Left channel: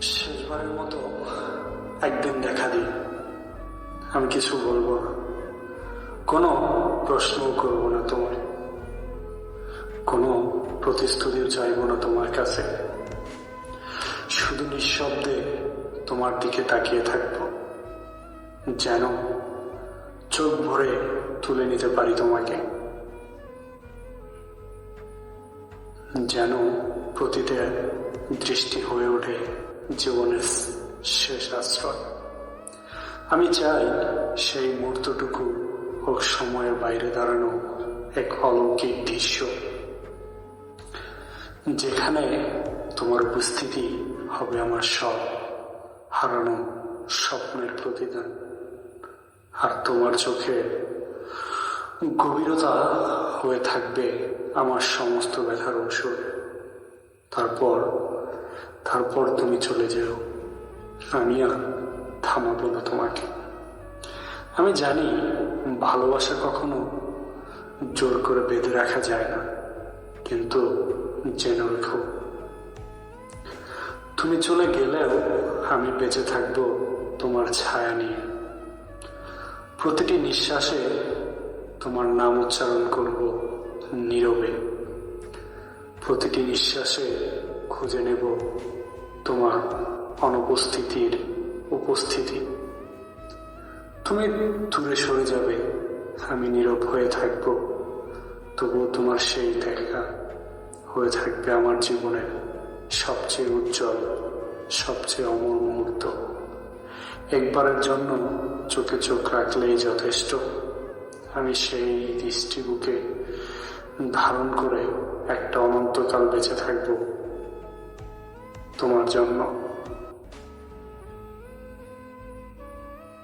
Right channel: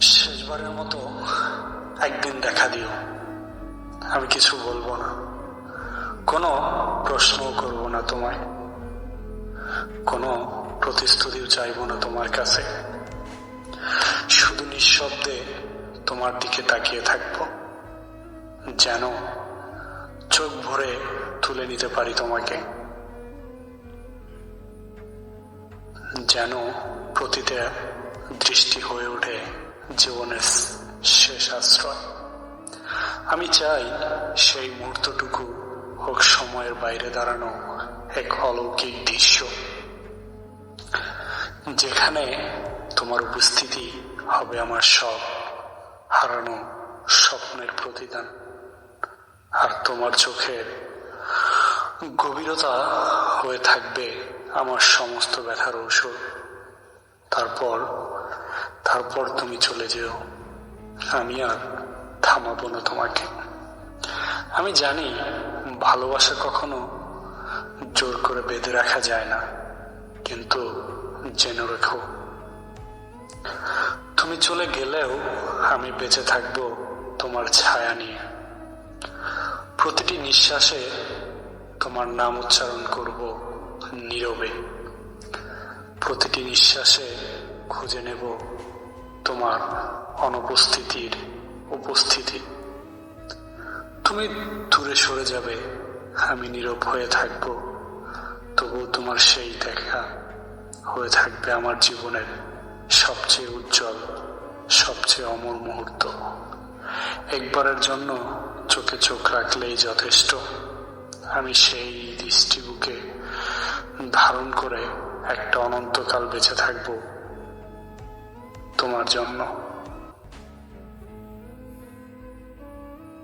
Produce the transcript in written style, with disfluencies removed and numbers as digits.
শেষবারের মতো একদিন দেখা দিও। আমি কিছু বলবো না, কোনো প্রশ্নও করব না তোমায়, কোনো প্রতিশ্রুতিও চাইব না তোমার কাছে। শুধু নিঃশব্দে তোমার দিকে তাকিয়ে থাকবো, যেন চোখ ভরে তুলে নিতে পারি তোমাকে, যেন প্রতিটা দৃষ্টি হয়ে ওঠে জীবনের শেষ আশ্রয়। আমি চাই সেই মুহূর্তটুকু হোক সময়ের বাইরে দাঁড়ানো এক অলৌকিক দৃশ্য, যেখানে তোমার উপস্থিতি হবে আমার সব হারানো স্বপ্নের প্রতিদান, আর তোমার চোখের গভীরতা হয়ে থাকবে আমার সমস্ত ব্যথার ঔষধ। তারপর তুমি চলে যেও, আমি আর থামাবো না তোমাকে। আমি জানি ভালোবাসা কখনো জোর করে বেঁধে রাখা যায় না, কিন্তু জেনে রেখো, তুমি চলে গেলেও আমি বেঁচে থাকবো তোমার ছায়া নিয়ে। প্রতিটি নিঃশ্বাসে তোমার নাম উচ্চারণ করব নীরবে, প্রতিটি নিঃশ্বাসে খুঁজে নেব তোমার অনুপস্থিতির উপস্থিতি। তুমি দূরে সরে যাবে, আমি নীরব হয়ে থাকব, তবুও তোমার সেই দেখা হয়ে থাকবে আমার জীবনের সবচেয়ে উজ্জ্বল, সবচেয়ে অমর মুহূর্ত। একবারের জন্য চোখে চোখ রাখলেই যথেষ্ট। আমি সেই দৃষ্টি বুকে ধারণ করে একটা অনন্তকাল বেঁচে থাকব তোমার জন্য।